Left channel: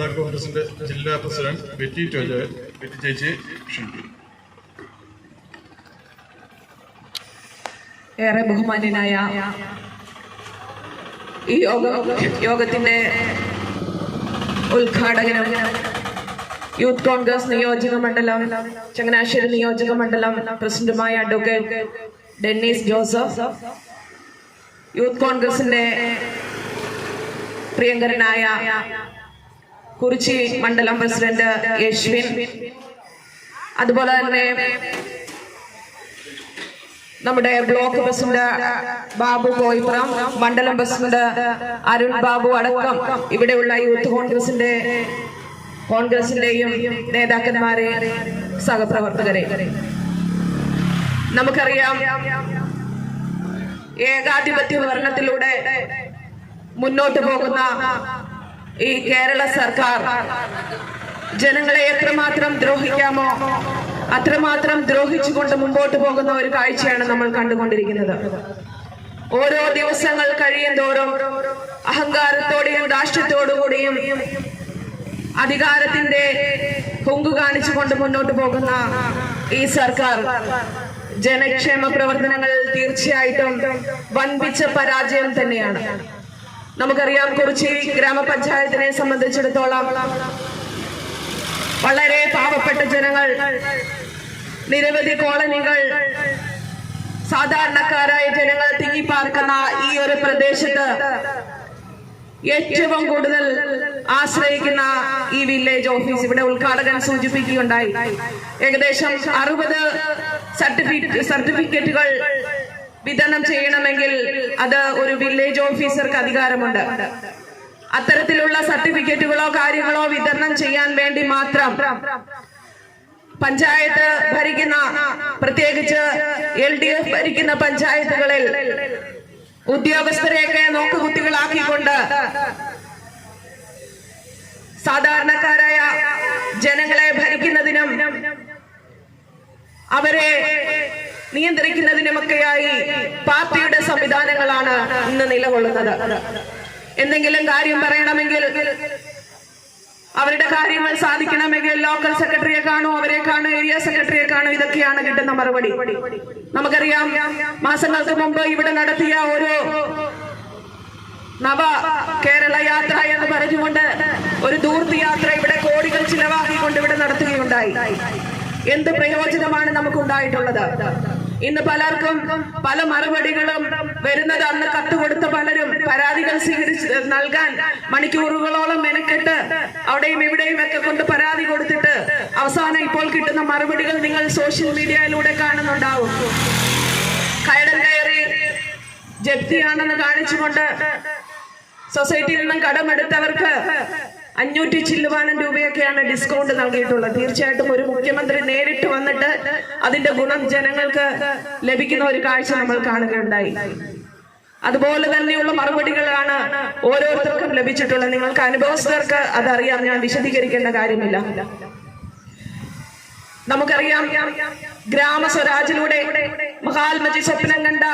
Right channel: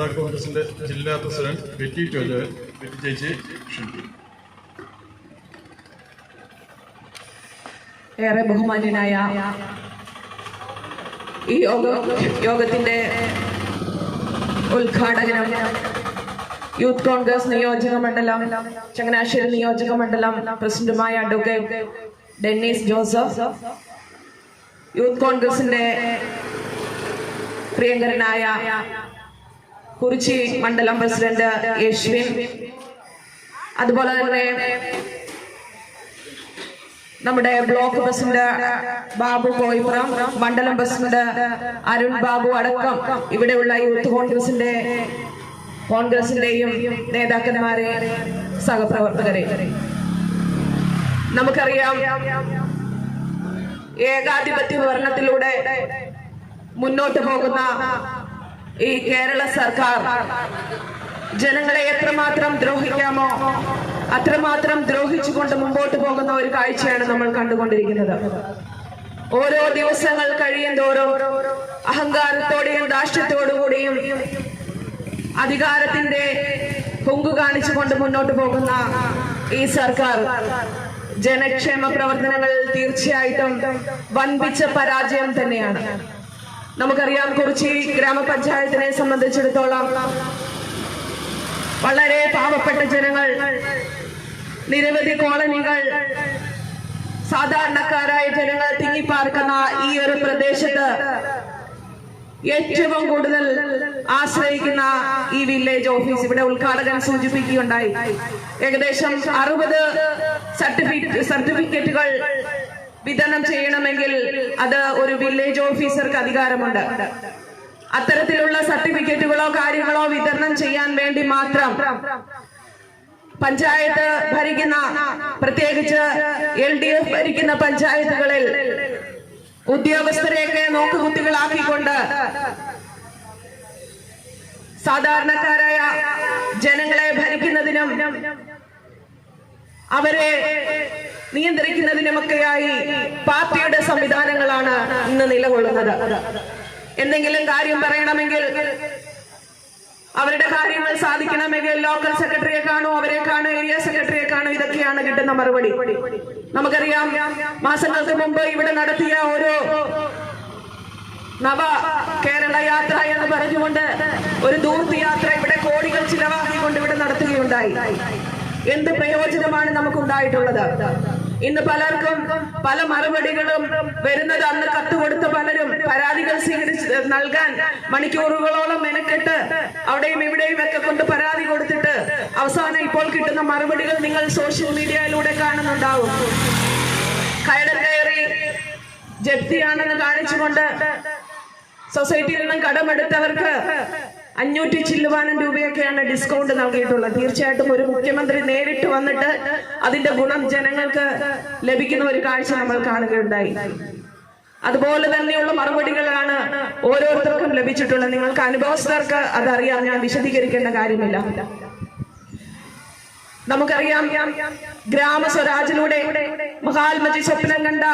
കേരള കോൺഗ്രസിന്റെ ജില്ലാ president Betty Tojo Betty ചേച്ചി ഏറെ ബഹുമാന്യനായ ഈ യോഗ ഉദ്ഘാടകനും യൂത്ത് കോൺഗ്രസ് നിയോജക മണ്ഡലം ചങ്ങനാശ്ശേരി നിയോജക മണ്ഡലം പ്രസിഡന്റുമായ അഡ്വക്കേറ്റ് ഡെന്നീസ് ജോസഫ് യൂത്ത് കോൺഗ്രസിന്റെ പ്രിയങ്കരനായ കുറിച്ചി മണ്ഡലം പ്രസിഡന്റ് യശ്വിൻ. അതുപോലെ തന്നെ നമ്മുടെ ബ്ലോക്ക് പ്രസിഡന്റ് ബാബു കോയിപ്പുറം മണ്ഡലം പ്രസിഡന്റ് അരുൺ ബാബു അടക്കം ഇവിടെയുള്ള യൂത്ത് കോൺഗ്രസിന്റെ കോൺഗ്രസിന്റെയും നേതാക്കന്മാരെ സഹപ്രവർത്തകരെ. നമുക്കറിയാം ഏകാധിപത്യ ഭരണത്തിലൂടെ മുന്നോട്ട് പോകുന്ന ഈ കേരള സർക്കാർ ജനങ്ങളെ എത്രമാത്രം ദ്രോഹിക്കാമോ അത്രമാത്രം ദ്രോഹിച്ചുകൊണ്ട് മുമ്പോട്ട് പോകുന്ന ഒരു കാഴ്ചയാണ് നമ്മൾ കണ്ടുകൊണ്ടിരിക്കുന്നത്. ഓരോ ദിവസങ്ങൾ കഴിയും തോറും അഹങ്കാരത്തോടെയും രാഷ്ട്രത്തോടുകൂടിയും അധികാരത്തിന്റെ പൊങ്കു കാണിച്ചുകൊണ്ട് മുന്നോട്ട് പോകുന്ന ഈ സർക്കാർ ജനക്ഷേമ പ്രവർത്തനങ്ങളിൽ തീർച്ചയായിട്ടും വൻപിച്ച പരാജയം തന്നെയാണ്. നമുക്കറിയാം കുറിച്ചേരി ഗ്രാമപഞ്ചായത്തിനെ സംബന്ധിച്ചിടത്തോളം വളരെ പാവപ്പെട്ട ജനങ്ങൾ നിരവധി കോളനികൾ സാധാരണക്കാരായ ജനങ്ങൾ തിങ്ങിപ്പാർക്കുന്ന ഈ ഒരു പ്രദേശത്ത് ഏറ്റവും കൂടുതൽ ആശ്രയിക്കുന്ന ഈ വില്ലേജ് ഓഫീസ് ഇവിടെ ഉദ്ഘാടകൻ സൂചിപ്പിക്കുകയുണ്ടായി. ഏകദേശം അറുപത് സർട്ടിഫിക്കറ്റ് സർട്ടിഫിക്കറ്റുകൾ വിതരണം ചെയ്യണമെങ്കിൽ അത് ഒരു വില്ലേജ് ഓഫീസർക്ക് അധികാരമുണ്ട്. അത്തരത്തിലുള്ള സർട്ടിഫിക്കറ്റുകളോ കാര്യങ്ങളോ വിതരണം ചെയ്യാൻ വേണ്ടി മാത്രം പഞ്ചായത്ത് ഭരിക്കുന്ന പ്രത്യേകിച്ച് എൽ ഡി എഫ് ഭരിക്കുന്ന പഞ്ചായത്തുകളിൽ ഉദ്യോഗസ്ഥരെയൊക്കെ നോക്കുകുത്തികളാക്കിക്കൊണ്ട് സാധാരണക്കാരായ ജനങ്ങളെ ഭരിക്കുന്നതിനും അവരെ നിയന്ത്രിക്കുന്നതിനുമൊക്കെയായി പാർട്ടിയുടെ സംവിധാനങ്ങളാണ് ഇന്ന് നിലകൊള്ളുന്നത്. എന്തെങ്കിലും കാര്യം പറയണമെങ്കിൽ അവരുടെ കാര്യങ്ങൾ സാധിക്കണമെങ്കിൽ ലോക്കൽ സെക്രട്ടറിയെ കാണോ അവരെ കാണോ ഏരിയ സെക്രട്ടറിയെ കാണോ ഇതൊക്കെയാണ് കിട്ടുന്ന മറുപടി. നമുക്കറിയാം മാസങ്ങൾക്ക് മുമ്പ് ഇവിടെ നടത്തിയ ഒരു നവ കേരള യാത്ര എന്ന് പറഞ്ഞുകൊണ്ട് ഒരു ദൂർത്തി യാത്ര ഇവിടെ കോടികൾ ചിലവാക്കിക്കൊണ്ട് ഇവിടെ നടത്തുകയുണ്ടായി. എന്ത് പ്രയോജനമാണ് നമുക്കുണ്ടായിട്ടുള്ളത്? ഇന്ന് പലർക്കും പല മറുപടികളും വരുന്നത് അന്ന് കത്ത് കൊടുത്ത പലരും പരാതികൾ സ്വീകരിച്ച് നൽകാൻ മണിക്കൂറുകളോളം മെനക്കെട്ട് അവിടെയും ഇവിടെയും ഒക്കെ കൊണ്ട് പരാതി കൊടുത്തിട്ട് അവസാനം ഇപ്പോൾ കിട്ടുന്ന മറുപടികൾ നിങ്ങൾ സോഷ്യൽ മീഡിയയിലൂടെ കാണുന്നുണ്ടാവും. കയടം കയറി ജപ്തിയാണെന്ന് കാണിച്ചുകൊണ്ട് സൊസൈറ്റിയിൽ നിന്നും കടമെടുത്തവർക്ക് അഞ്ഞൂറ്റി ചില്ലുവാനം രൂപയൊക്കെയാണ് ഡിസ്കൗണ്ട് നൽകിയിട്ടുള്ളത് തീർച്ചയായിട്ടും ഒരു മുഖ്യമന്ത്രി നേരിട്ട് വന്നിട്ട് അതിന്റെ ഗുണം ജനങ്ങൾക്ക് ലഭിക്കുന്ന ഒരു കാഴ്ച നമ്മൾ കാണുകയുണ്ടായി. അതുപോലെ തന്നെയുള്ള മറുപടികളാണ് ഓരോരുത്തർക്കും ലഭിച്ചിട്ടുള്ളത്. നിങ്ങൾക്ക് അനുഭവസ്ഥർക്ക് അതറിയാം. ഞാൻ വിശദീകരിക്കേണ്ട കാര്യമില്ല. നമുക്കറിയാം ഗ്രാമ സ്വരാജിലൂടെ മഹാത്മജി സ്വപ്നം കണ്ട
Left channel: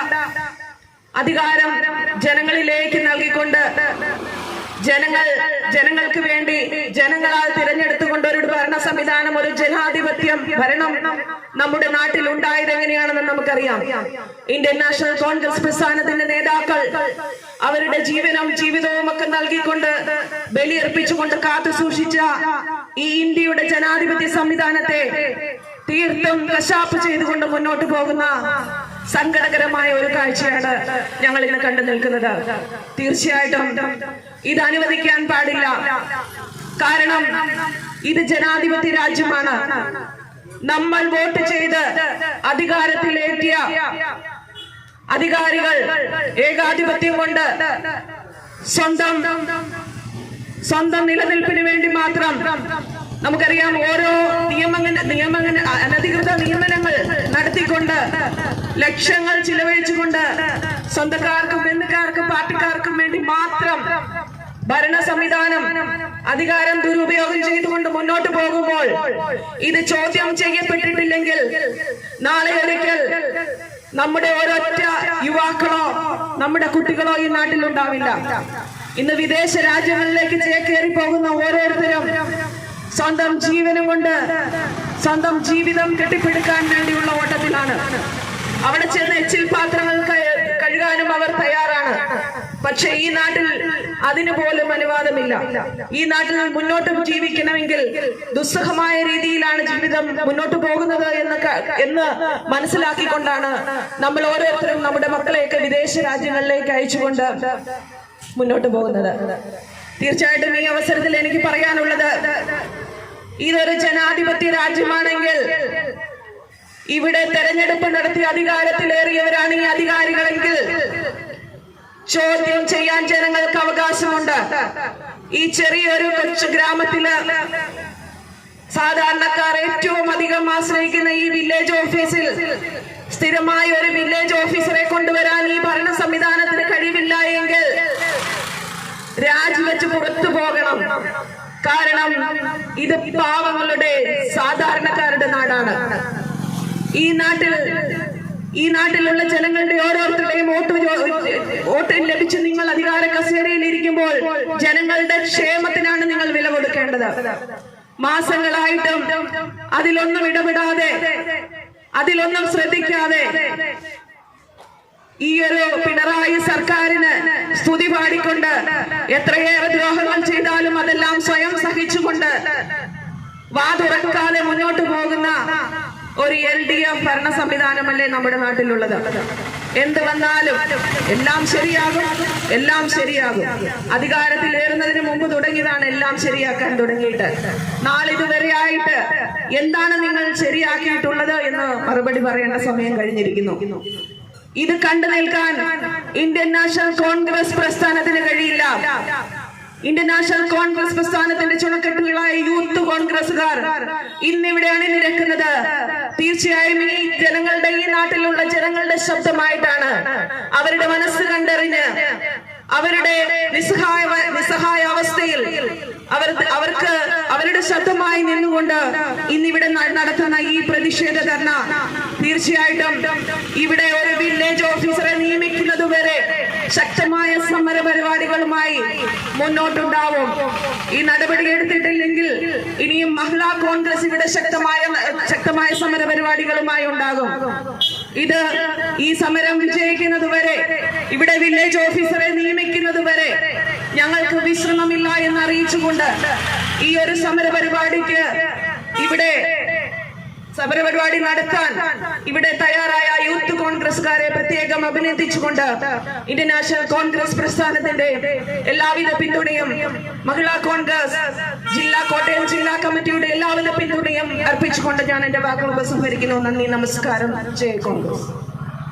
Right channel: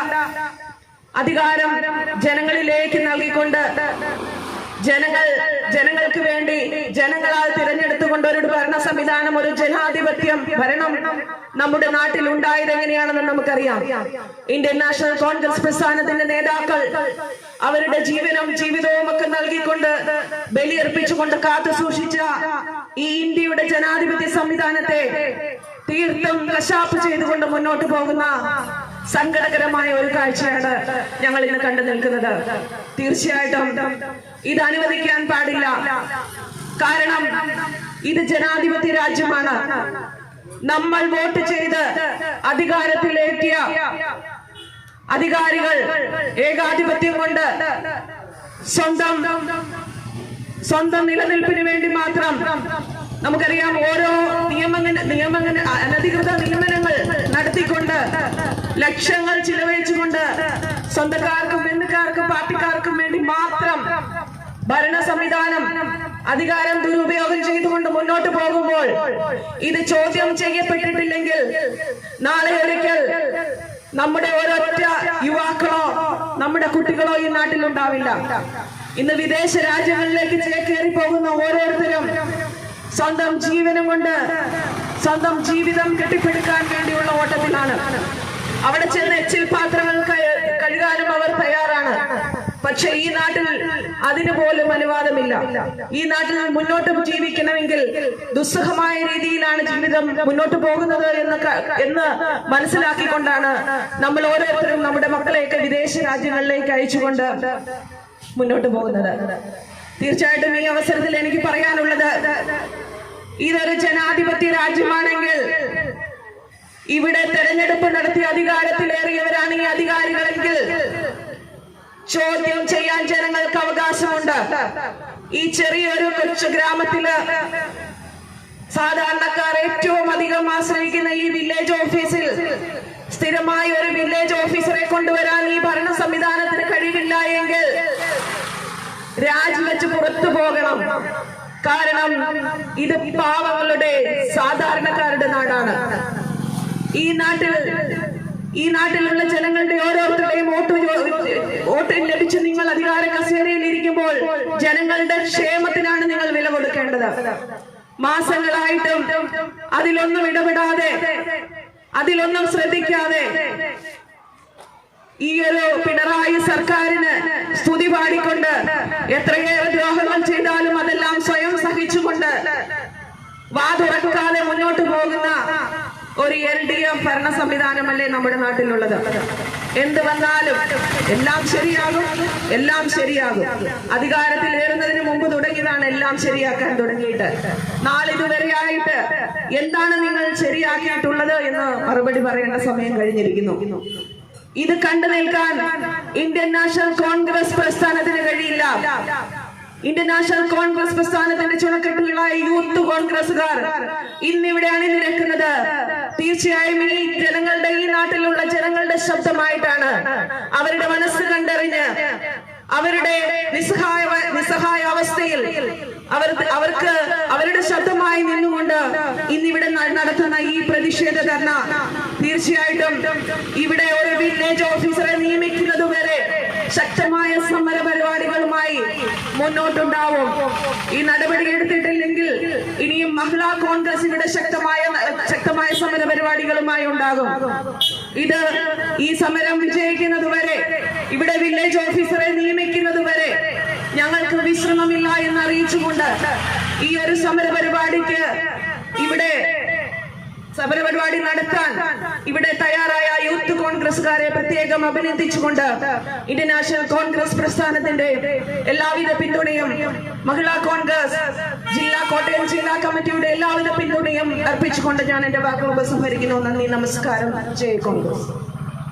അധികാരം ജനങ്ങളിലേക്ക് നൽകിക്കൊണ്ട് ജനങ്ങൾ ജനങ്ങൾക്ക് വേണ്ടി ജനങ്ങളാൽ തിരഞ്ഞെടുത്തുകൊണ്ട് ഒരു ഭരണ സംവിധാനം ഒരു ജനാധിപത്യം ഭരണം നമ്മുടെ നാട്ടിൽ ഉണ്ടായത് എങ്ങനെയാണെന്ന് നമുക്കറിയാം. ഇന്ത്യൻ നാഷണൽ കോൺഗ്രസ് പ്രസ്ഥാനത്തിന്റെ നേതാക്കൾ അവരുടെ ജീവനും ജീവിതവും ഒക്കെ നൽകിക്കൊണ്ട് ബലിയർപ്പിച്ചുകൊണ്ട് കാത്തു സൂക്ഷിച്ച ഈ ഇന്ത്യയുടെ ജനാധിപത്യ സംവിധാനത്തെ തീർത്ഥം കശാപ്പ് ചെയ്തുകൊണ്ട് മുന്നോട്ട് പോകുന്ന സങ്കടകരമായ ഒരു കാഴ്ചയാണ് ഞങ്ങൾ ഇന്ന് കണ്ടു നിൽക്കുന്നത്. തീർച്ചയായിട്ടും ഇത് അനുവദിക്കാൻ പാടില്ല. കാരണം ഇത് ജനാധിപത്യ രാജ്യമാണ്. നമ്മൾ വോട്ട് ചെയ്ത് അധികാരത്തിലേറ്റിയ അധികാരികൾ ഏകാധിപത്യം കൊണ്ട് സ്വന്തം സ്വന്തം നിലനിൽപ്പിന് വേണ്ടി മാത്രം നമുക്കറിയാം ഓരോ നിയമങ്ങൾ നിയമങ്ങൾ അനധികൃത നിയമനങ്ങൾ നടത്തിക്കൊണ്ട് ലക്ഷങ്ങൾ ചിലവഴിച്ചുകൊണ്ട് സ്വന്തക്കാർക്കും ബന്ധുക്കാർക്കും പാർട്ടിക്കാർക്കും വേണ്ടി മാത്രം ഭരണ സംവിധാനം അധികാരം ദുരുപയോഗം ചെയ്തുകൊണ്ട് മുന്നോട്ട് പോകുമ്പോൾ ഇത് ചോദ്യം ചെയ്യപ്പെട്ടിട്ടില്ലെങ്കിൽ നാളെ ഒരിക്കൽ നമ്മുടെ ഒരൊറ്റ യുവാക്കളോ നമ്മുടെ കുട്ടികളോ ഈ നാട്ടിൽ ഉണ്ടാവില്ല ഇന്ന് വിദേശ രാജ്യങ്ങളിലേക്ക് ചേക്കേറി പോകുന്ന ഓരോരുത്തരും സ്വന്തം ജീവനും കൊണ്ട് സ്വന്തം ജീവിതം കെട്ടിപ്പടുക്കാൻ വേണ്ടിയുള്ള ഓട്ടത്തിലാണ്. അവിടെ ചെന്ന് എച്ചിൽ പാത്രങ്ങൾ പക്ഷെ ഈ നാട്ടിൽ അതിന് പോലും അനുവാദമില്ല. ഈ നാട്ടിൽ മുന്നോട്ട് ജീവിക്കണമെങ്കിൽ ദുസ്സഹമായ രീതിയിലാണ് ജീവിതം മുന്നോട്ട് പോകുന്നത് എന്ന് എന്ന് മനസ്സിലാക്കിക്കൊണ്ടാണ് നമ്മൾ ഓരോരുത്തരും നമ്മുടെ മക്കളെയൊക്കെ വിദേശ രാജ്യങ്ങളിലേക്ക് അയച്ചുകൊണ്ട് മുന്നോട്ട് പോകുന്നത്. തീർച്ചയായിട്ടും ഈ അവസരത്തിൽ എനിക്ക് പറയാനുള്ളത് ഇതൊരു ജനാധിപത്യ രാജ്യമാണെങ്കിൽ ഇവിടെ തെരഞ്ഞെടുപ്പ് നടത്തി അധികാരത്തിലേറിയവരാണ് ഈ അധികാരികളെങ്കിൽ ചോദ്യം ചെയ്യാൻ ജനങ്ങൾക്ക് അവകാശമുണ്ട്. ഈ ചെറിയൊരു ഗ്രാമത്തിൽ സാധാരണക്കാർ ഏറ്റവും അധികം ആശ്രയിക്കുന്ന ഈ വില്ലേജ് ഓഫീസിൽ സ്ഥിരമായ ഒരു വില്ലേജ് ഓഫീസറെ കൊണ്ടുവരാൻ ഈ ഭരണ സംവിധാനത്തിന് കഴിവില്ല എങ്കിൽ രാജിവെച്ച് പുറത്തു പോകണം. കാരണം ഇത് പാവങ്ങളുടെ സാധാരണക്കാരുടെ നാടാണ്. ഈ നാട്ടിൽ ഈ നാട്ടിലുള്ള ജനങ്ങളുടെ ഓരോരുത്തരുടെയും വോട്ട് വോട്ട് ലഭിച്ച് നിങ്ങൾ അധികാര കസേരയിൽ ഇരിക്കുമ്പോൾ ജനങ്ങളുടെ ക്ഷേമത്തിനാണ് നിങ്ങൾ വില കൊടുക്കേണ്ടത്. മാസങ്ങളായിട്ടും അതിലൊന്നും ഇടപെടാതെ അതിലൊന്നും ശ്രദ്ധിക്കാതെ ഈ ഒരു പിണറായി സർക്കാരിന് സ്തുതി പാടിക്കൊണ്ട് എത്രയേറെ ദ്രോഹങ്ങൾ ചെയ്താലും അതെല്ലാം സ്വയം സഹിച്ചുകൊണ്ട് വാതുറക്കാതെ മുന്നോട്ട് പോകുന്ന ഒരു എൽ ഡി എഫ് ഭരണ സംവിധാനമല്ലേ നമ്മുടെ നാട്ടിലുള്ളത്? എന്ത് വന്നാലും എല്ലാം ശരിയാകും എല്ലാം ശരിയാകും. അധികാരത്തിൽ ഏറുന്നതിന് മുമ്പ് തുടങ്ങിയതാണ് എല്ലാം ശരിയാക്കാൻ തുടങ്ങിയിട്ട്. നാളിതുവരെയായിട്ട് എന്താണ് നിങ്ങൾ ശരിയാക്കിയിട്ടുള്ളത് എന്ന് മറുപടി പറയേണ്ട സമയം കഴിഞ്ഞിരിക്കുന്നു. ഇത് കണ്ടു നിൽക്കാൻ ഇന്ത്യൻ നാഷണൽ കോൺഗ്രസ് പ്രസ്ഥാനത്തിന് കഴിയില്ല. ഇന്ത്യൻ നാഷണൽ കോൺഗ്രസ് പ്രസ്ഥാനത്തിന്റെ ചുണക്കെട്ടുകളായ യൂത്ത് കോൺഗ്രസുകാർ ഇന്നിവിടെ അണിനിരക്കുന്നത് തീർച്ചയായും ഈ ജനങ്ങളുടെ ഈ നാട്ടിലുള്ള ജനങ്ങളുടെ ശബ്ദമായിട്ടാണ് അവരുടെ മനസ്സ് കണ്ടറിഞ്ഞ് അവരുടെ നിസ്സഹായ നിസ്സഹായ അവസ്ഥയിൽ അവർ അവർക്ക് അവരുടെ ശബ്ദമായി നിന്നുകൊണ്ട് ഇന്നിവിടെ നടത്തുന്ന ഈ പ്രതിഷേധ ധർണ തീർച്ചയായിട്ടും ഇവിടെ ഒരു വില്ലേജ് ഓഫീസറെ നിയമിക്കുന്നതുവരെ വരെ ശക്തമായ സമര പരിപാടികളുമായി മുന്നോട്ടുണ്ടാവും ഈ നടപടി എടുത്തിട്ടില്ലെങ്കിൽ ഇനിയും മഹിളാ കോൺഗ്രസ് ഇവിടെ ശക്തമായ ശക്തമായ സമര പരിപാടികളുമായി ഉണ്ടാകും ഇത് ഈ സമരം വിജയിക്കുന്നത് വരെ ഇവിടെ വില്ലേജ് ഓഫീസറെ നിയമിക്കുന്നത് വരെ ഞങ്ങൾക്ക് വിശ്രമമില്ല എന്ന് അറിയിച്ചുകൊണ്ട് ഈ ഒരു സമര പരിപാടിക്ക് ഇവിടെ സമരപരിപാടി നടത്താൻ ഇവിടെ തയ്യാറായ യൂത്ത് കോൺഗ്രസ്സുകാരെ പ്രത്യേകം അഭിനന്ദിച്ചുകൊണ്ട് ഇന്ത്യൻ കോൺഗ്രസ് പ്രസ്ഥാനത്തിന്റെ എല്ലാവിധ പിന്തുണയും മഹിളാ കോൺഗ്രസ് ജില്ലാ കോട്ടയം ജില്ലാ കമ്മിറ്റിയുടെ എല്ലാവിധ പിന്തുണയും അർപ്പിച്ചുകൊണ്ട് ഞാൻ എന്റെ വാക്കുകൾ ഉപസംഹരിക്കുന്നു. നന്ദി നമസ്കാരം. ജയ് കോൺഗ്രസ്.